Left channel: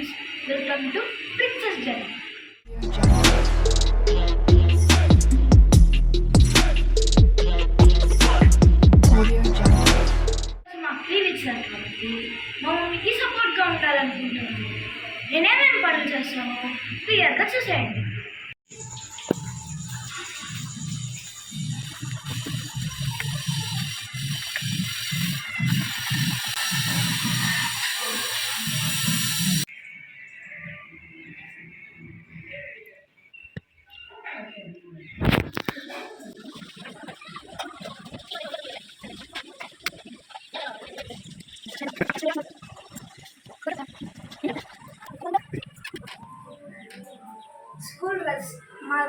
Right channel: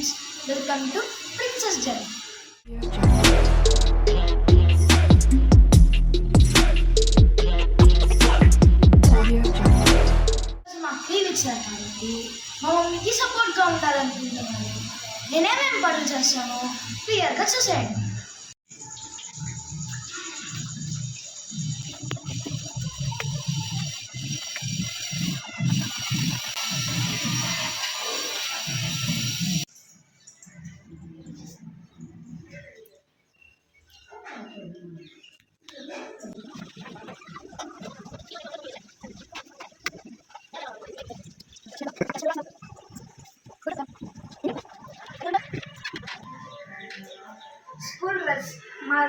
Friends welcome to princess journey మాకు free కాబట్టి మా మమ్మీకి సపోర్ట్గా ఉండాలనుకుంటున్నాను నేనేమేమి పనులు చేస్తానో క్లియర్గా చూసేయండి.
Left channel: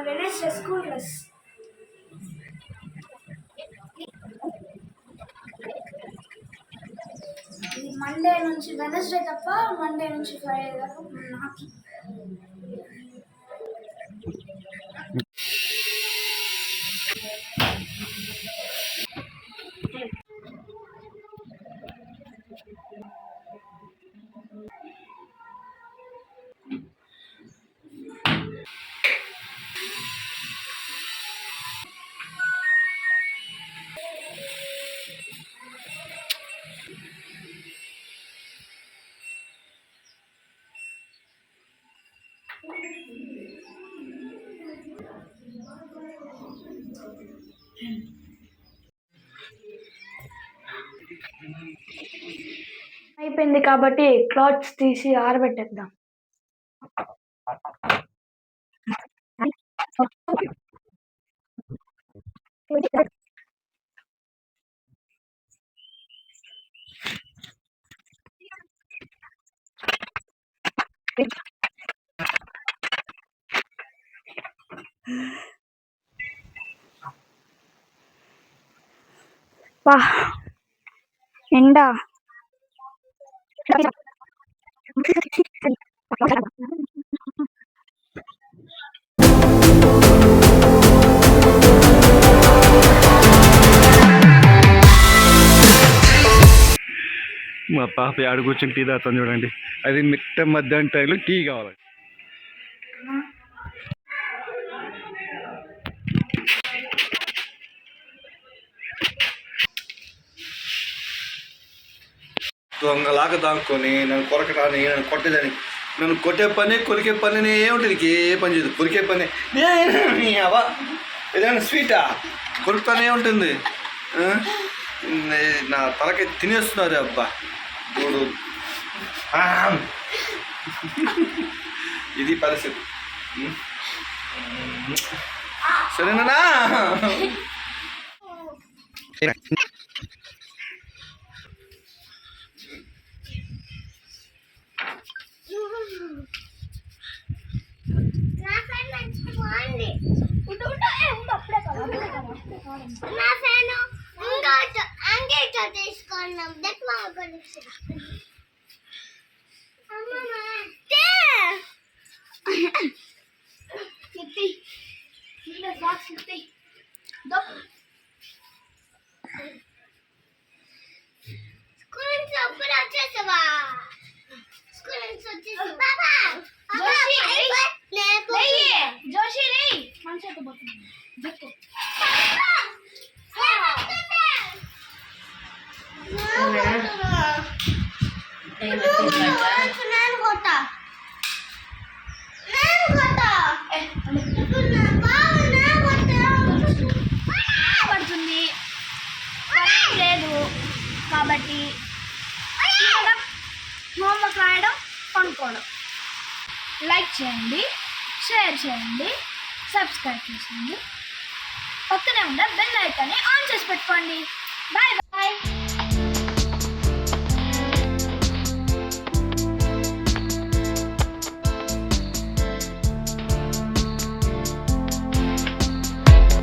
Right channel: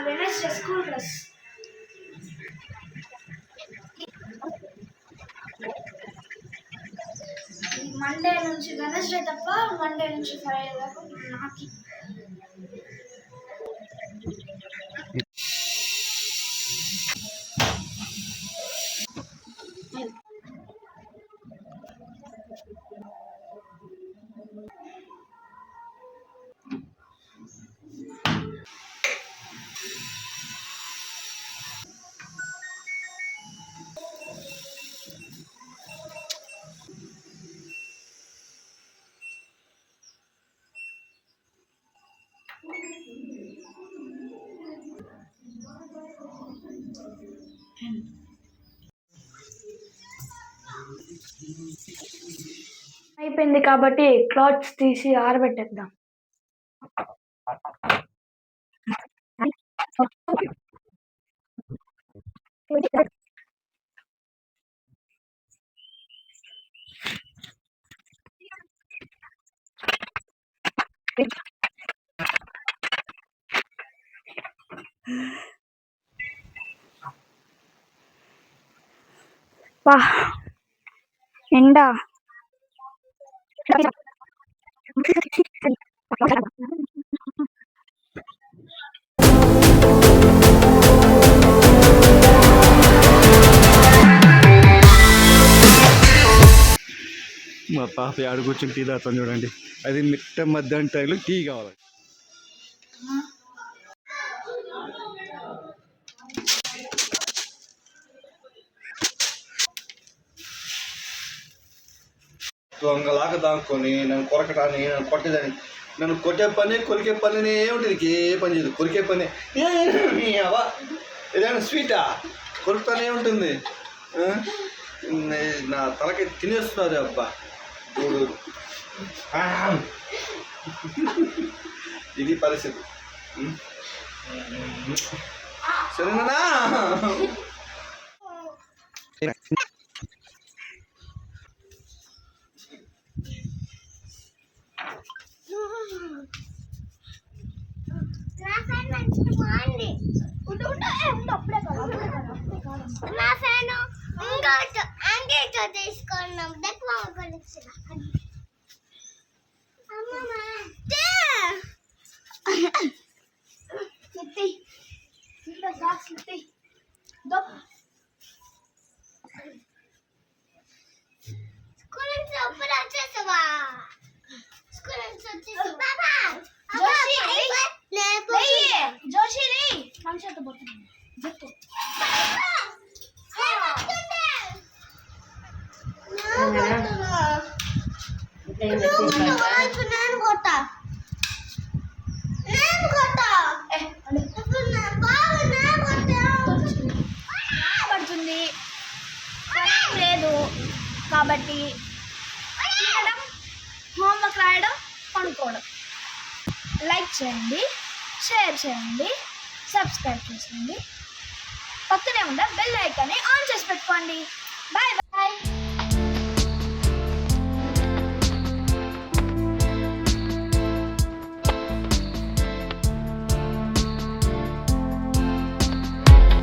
వెనస్డే స్కూల్ డ్రెస్ మండే నుంచి వెనస్డే తప్ప మండే నుంచి ఫ్రైడే దాకా నాకు అయిపోయింది కాబట్టి క్లాత్స్ తీసి ఆరబెట్టేద్దాం వా ఎండా. మా పాప ఆడ కూర్చొని టీ తాగుతాను చూడండి. అది మిట్ట మధ్యాహ్నం టైంలో టీ కావాలి. దొంగలాగా దాక్కొని నన్ను కొరకటాన్ని నన్ను కొట్టేదని నన్ను కొట్టే పని కొరికే పనినే ఏముంటుంది? నీకు ఏ పని చేయదు. కొరికే పని. అవా ఏదైనా స్వీటా కొరుకుతానే ఉంటుంది. నా తలకి తినేస్తున్నారు అబ్బా. చూడు. ఇది పరిస్థితి. సరేనా? మంచిగా బాగుంది ఉండు ఉండు ఏ ఉండు అప్పుడే కాదు అప్పుడే కాదు అప్పుడే కాదు నా ఫ్యాన్ ఇంకోటి అంగేటో తీసుకున్నాం దెక్ మా కొనిచ్చిన పడుతుంది. లేదు. కాబట్టి తినడం హోంవర్క్ రాయడం పనుకోవడం. లైక్ చేయండి షేర్ చేయండి సబ్స్క్రైబ్ చేసుకోండి పక్కనే ఉండే బెల్ ఐకాన్ని ఆన్ చేసి పెట్టుకోండి. Bye bye.